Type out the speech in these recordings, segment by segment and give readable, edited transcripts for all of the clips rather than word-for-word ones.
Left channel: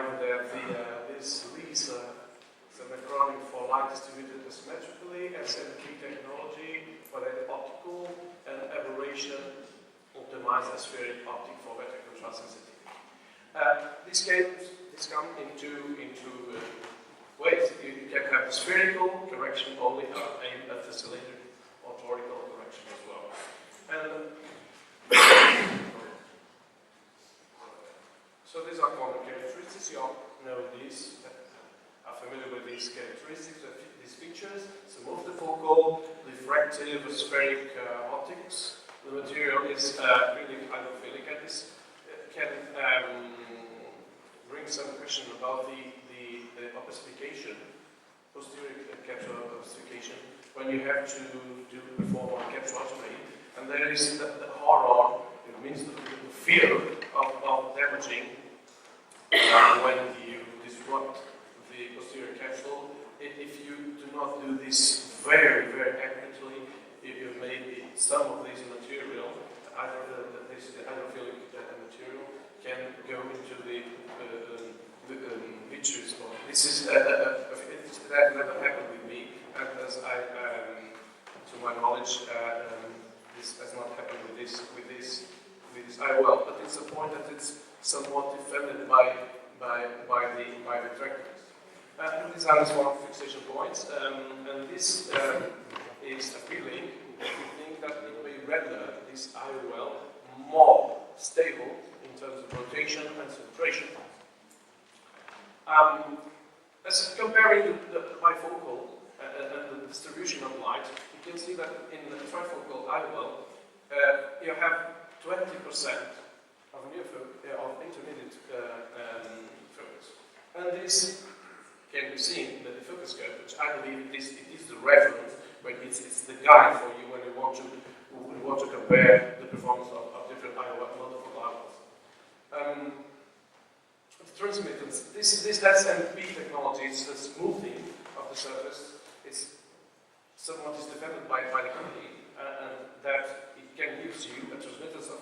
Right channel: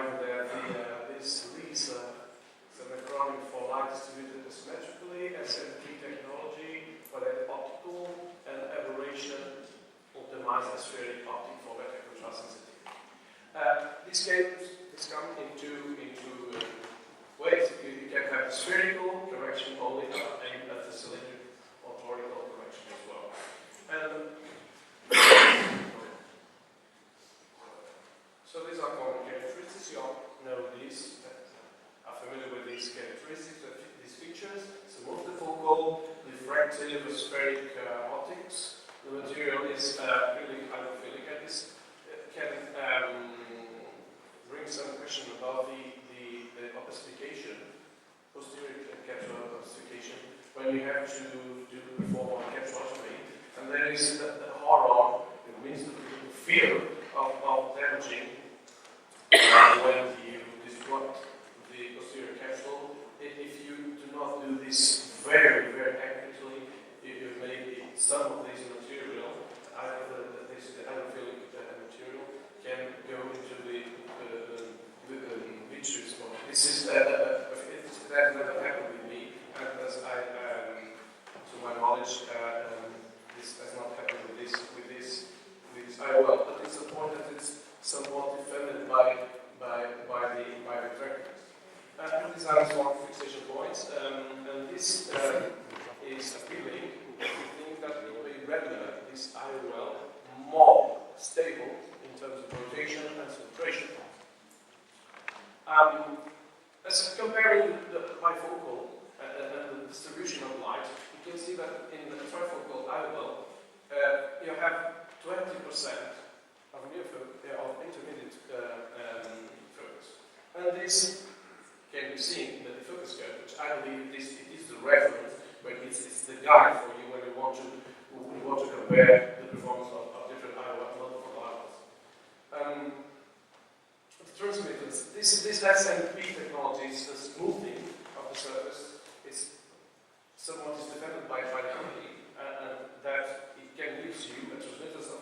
remind that this is an acronym for light distributed asymmetrically, SMP technology, for that optical and aberration optimized aspheric optic for better contrast sensitivity. This comes into ways. You can have the spherical correction only aimed at the cylindrical or torical correction as well. So these are common characteristics. You all know these, are familiar with these characteristics, these features. So multifocal, diffractive, spheric optics. The material is acrylic hydrophilic, and this can bring some question about the opacification, posterior capsule opacification, when you have to perform a capsulotomy. And there is the horror, it means the fear of damaging when you disrupt the posterior capsule. If you do not do this very, very accurately, you maybe some of this material, the hydrophilic material, can go into the vitreous mode. This is that never happened with me, and as to my knowledge, this has not happened with this IOL. But it's a point that it's somewhat defended by the retractors. The design is one fixation points, and this is appealing if you think that it may render this IOL more stable in terms of rotation and centration. As comparing the bifocal and the distribution of light, you can see that in the trifocal IOL, you have 20% of intermediate focus. And this can be seen in the focus curve, which I believe it is the reference, but it's the guide for you when you want to compare the performance of different IOL, multiple IOLs. The transmittance, this SMP technology is the smoothing of the surface. It's somewhat defended by the company, and that it can give you a transmittance of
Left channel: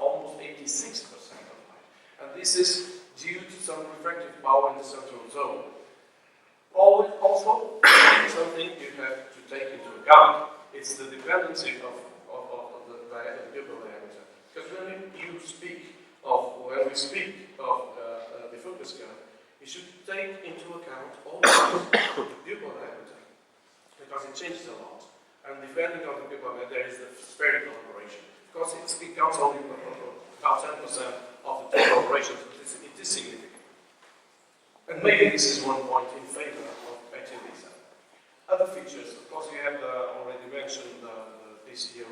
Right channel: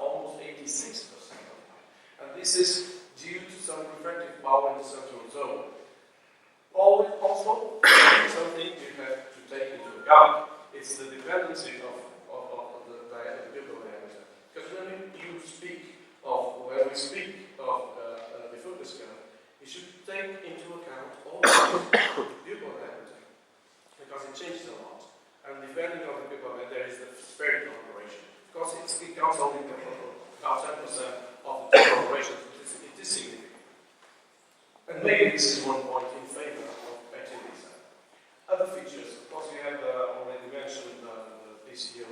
almost 86% of light. And this is due to some refractive power in the central zone. Also, something you have to take into account, it's the dependency of the pupil diameter. Because when we speak of the focus curve, you should take into account all the pupil diameter, because it changes a lot. And depending on the pupil diameter, there is the spherical operation. Of course, it counts only about 10% of the total operations, but it is significant. And maybe this is one point in favor of active design. Other features, of course, we have already mentioned the PCO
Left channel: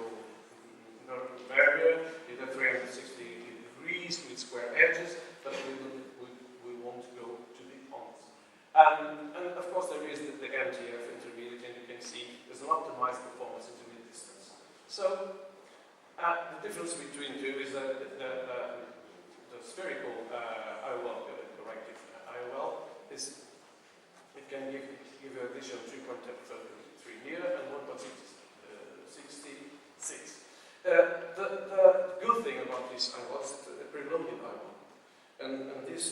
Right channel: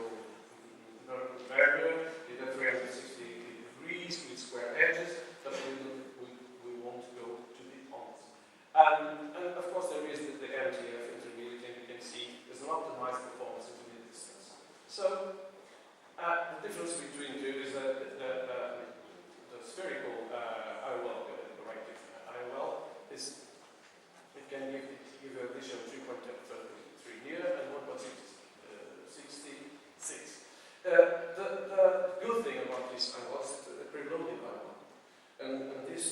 barrier with 360 degrees with square edges, but we won't go to the honest. And of course, there is the MTF intermediate, and you can see there's an optimized performance intermediate distance. So the difference between two is that the spherical IOL, corrective IOL, it can give a vision of 3.33 near and 1.66. The good thing about this IOL is a preloaded IOL, and this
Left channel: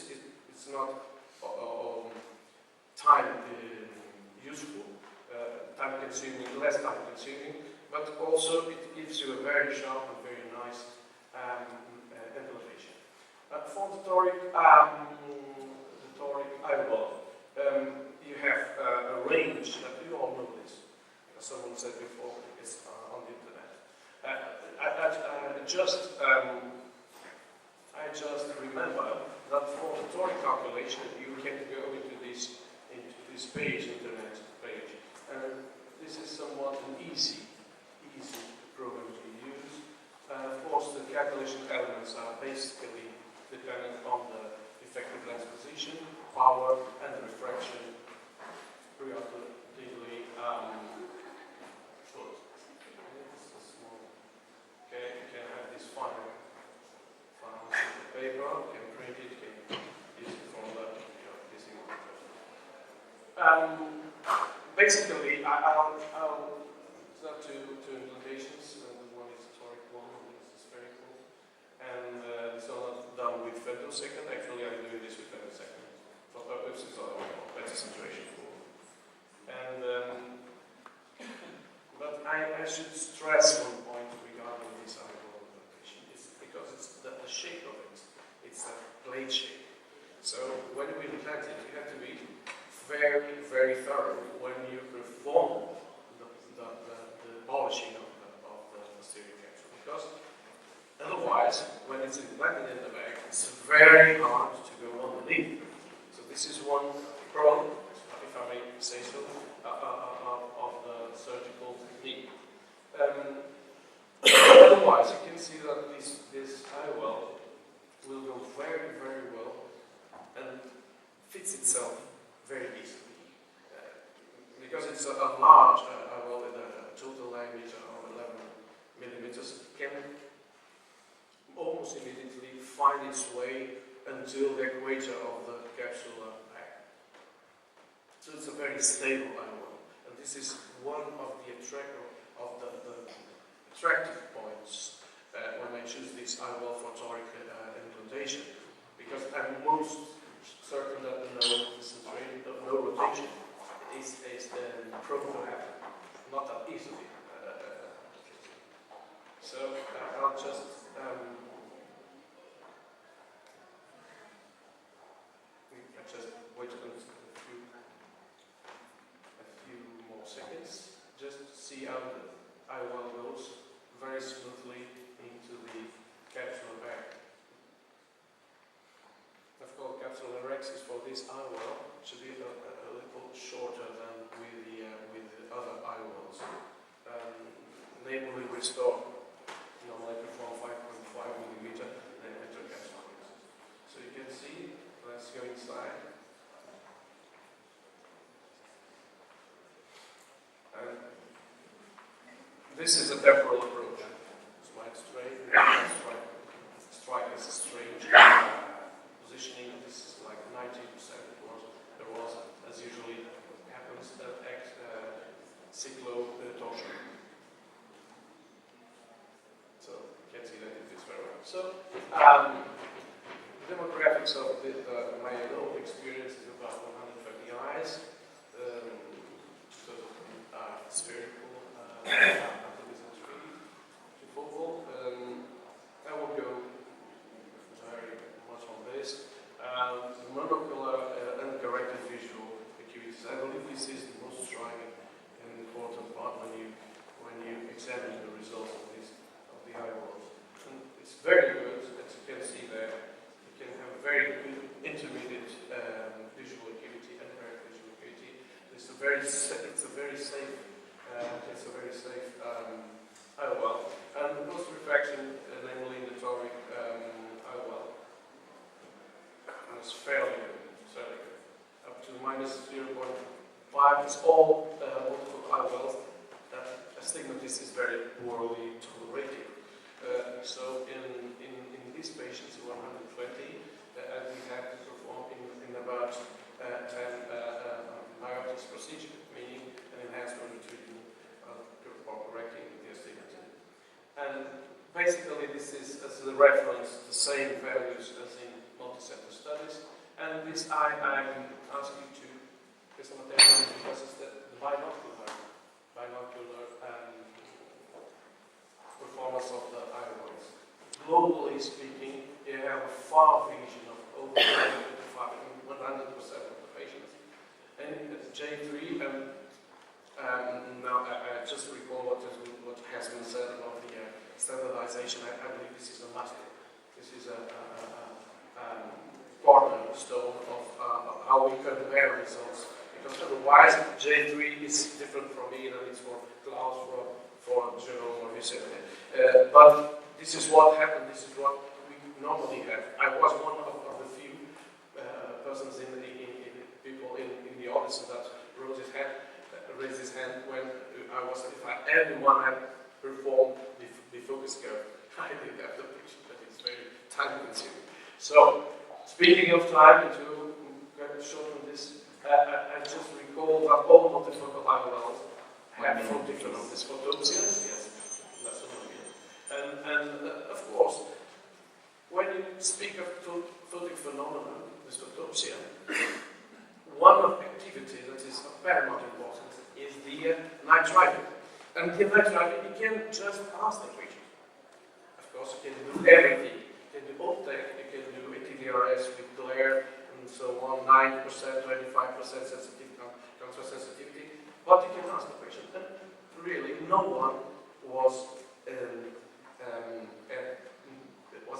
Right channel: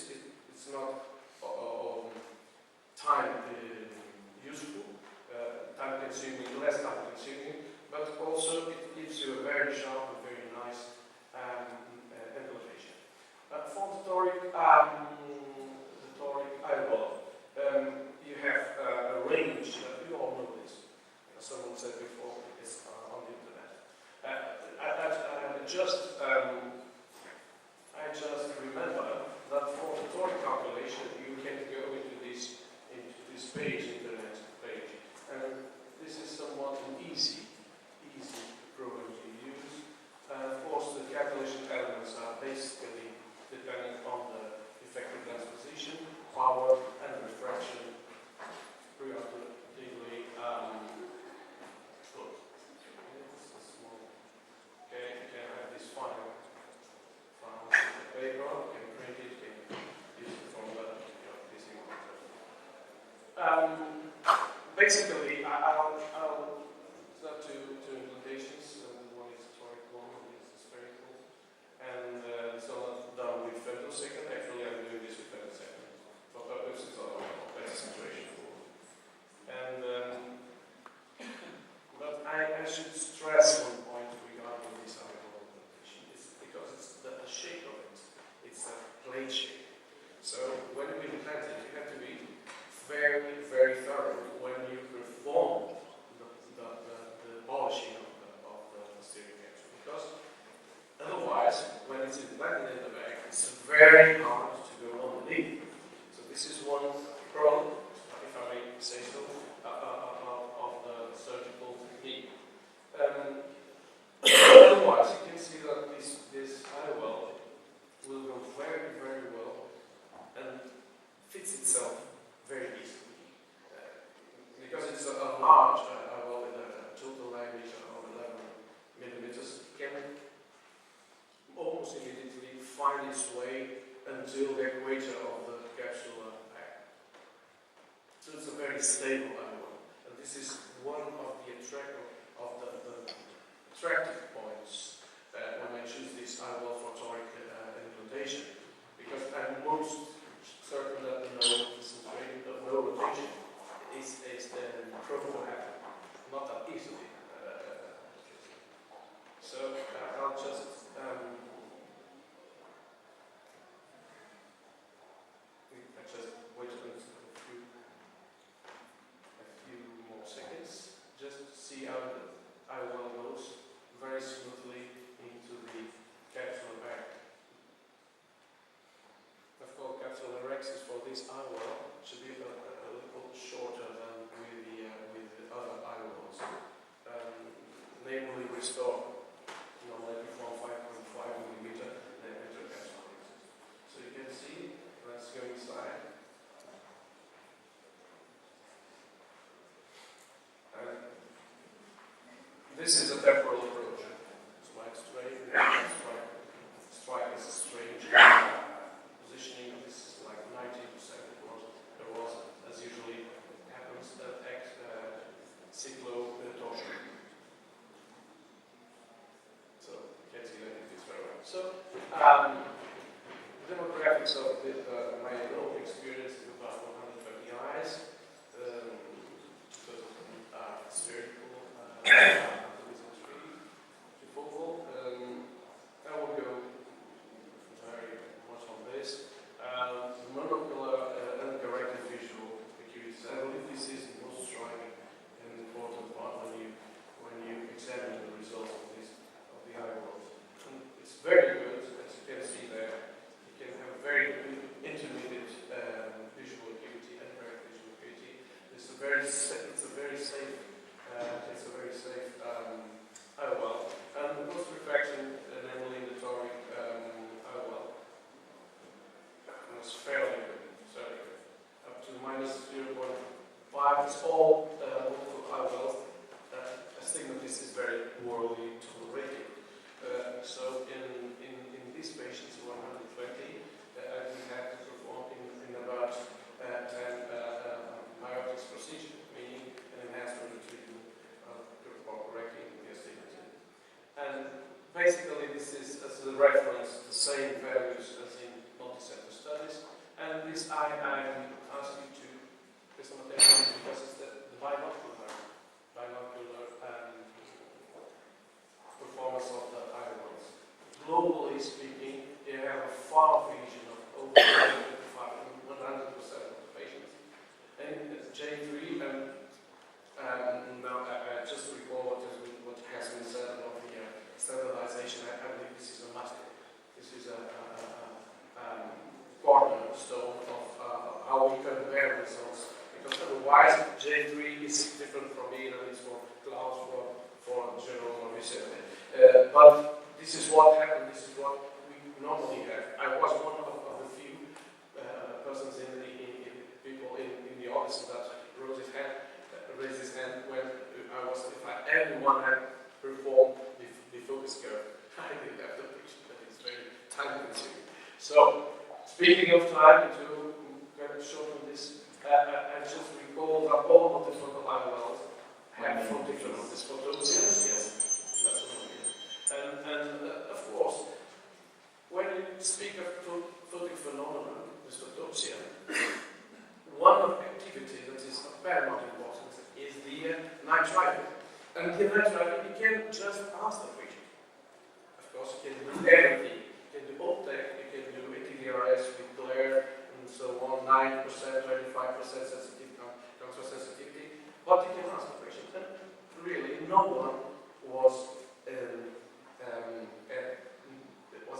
it's not time useful, time consuming, less time consuming, but also it gives you a very sharp and very nice elevation. For the Toric IOL, you have a range that you all know this. As someone said before, it's on the internet. I just remember that for the Toric calculation, you can go into this page, internet page, and this is somewhat an easy program to use. Of course, the calculation elements are basically depending on the effective lens position, power, and refraction periodically short. This is small. Okay, you can have this final paper, you can print it, you can use it from the PC monitor. Basically, I'll start two implementations. One is Toric, one is spherical, and it's all done with femtosecond. Actually, I'm doing this with femtosecond. should stress one point regarding this eyeball implementation. It's because it's the shape of it. It's a plate shape. So when you implant it, you have to be very, very thorough when you perform the polishing of the posterior capsule. Because otherwise, when it's implanted in the back, it's very hard to go underneath. So this is one problem, if I may say so, of the surgical technique. Otherwise, you can see that this IOL will go very, very well and fits itself very easily. Because it's a large IOL with a total diameter of 11 millimeters, it can almost immediately find its way until the equator of the capsule back. So it's a very stable IOL. And this is one of the attractive points when I choose this IOL for toric implantation. Because I'm most certain that the no rotation is proven to happen. Not that easily. So I'll just wait a few more seconds, just to see how the IOL goes very smoothly into the capsular bag. Of course, capsular rexis for this IOL should be a little shorter than with the other IOLs. Namely, restore normally perform 5.5 millimeter diameter capsular rexis. So you can see, let's go inside. And this is a temporal approach. Slide straight, strike is a strange positioning. This is like 90%. There was, as usually happens, cyclo-torsion. So you can see that it fits very well. So demographics of my own experience is about 120 eyes. Spherical, trifocal. I will go very much on this. Monocular uncorrected visual acuities. I believe this is the most striking and important part when you examine the results of the eyeballs. And it's very good, as you can see there. You can have very good intermediate visual acuity and correct visual acuity. It's a very safe IOL. And the post refraction, namely in the toric IOL, was fairly good, up to minus 0.5. It's all multiple IOLs. Astigmatism is very poorly tolerated. So in these patients, 120, we had to perform in about 10 myotics procedure, meaning an enhancement of treatment or correcting the astigmatism. And basically, this is, as a reference, the same values as in multi-center studies. And this I'm asking you to pay some attention because it's the binocular performance of the eyeballs. Globally speaking, you have a far vision of over 100% of the patients. And J3, now I just recall what has been said about the standardization. I believe this is a must. This is a cornerstone of how we compare results. Because otherwise, J3 is different from me than it's for Klaus, for Jerome or Vicente. But this is what happened. This is what we normally have. I was one of the few persons people in the audience that raised his hand when I was, if anyone had performed the focus curve. I didn't have the picture, but it's very time consuming. So, speaking of time, to shorten this, I just recall that all multifocal IOLs have photophylaxis. Yes, that's what I mean. And of course, when you speak of photic phenomena, this photopsia, one of the activities that is of paramount importance is the night driving. And the electrolyte, you can just ask the patient. Of course, you can do everything. You can do uptake, you can do ATVRS with glare, and so on, 9%, 25% sensitivity, transfer sensitivity. But you can ask the patient. And really, no one was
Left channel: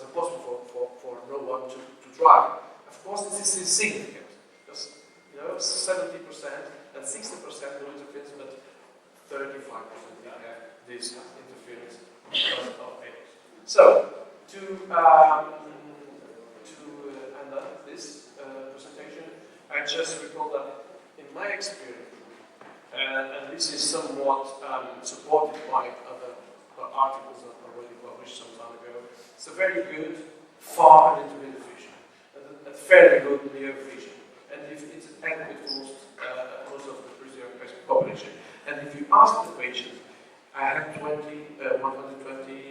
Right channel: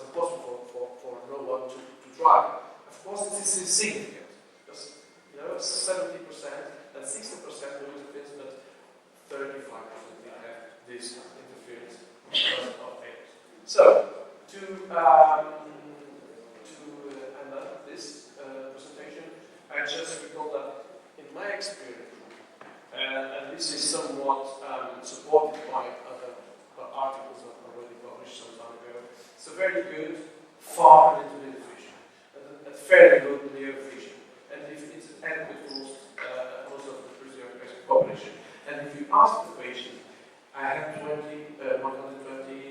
impossible for no one to try. Of course, this is insignificant, because 70% and 60% no interference, but 35% they have this interference because of errors. So, to end up this presentation, I just recall that in my experience, and this is somewhat supported by other articles that are already published some time ago, it's a very good far and intermittent vision, and a very good near vision, and if it's adequate for most of the preserved patient population. And if you ask the patient, I have 120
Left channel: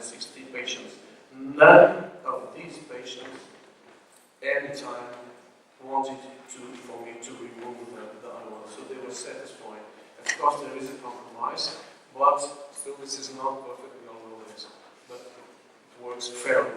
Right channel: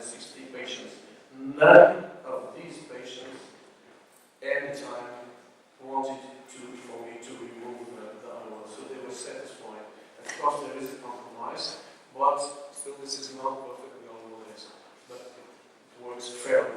60 patients. None of these patients, anytime, wanted for me to remove the animal, so they were satisfied. Of course, there is a compromise, but still, this is not perfect in all ways, but it works fairly.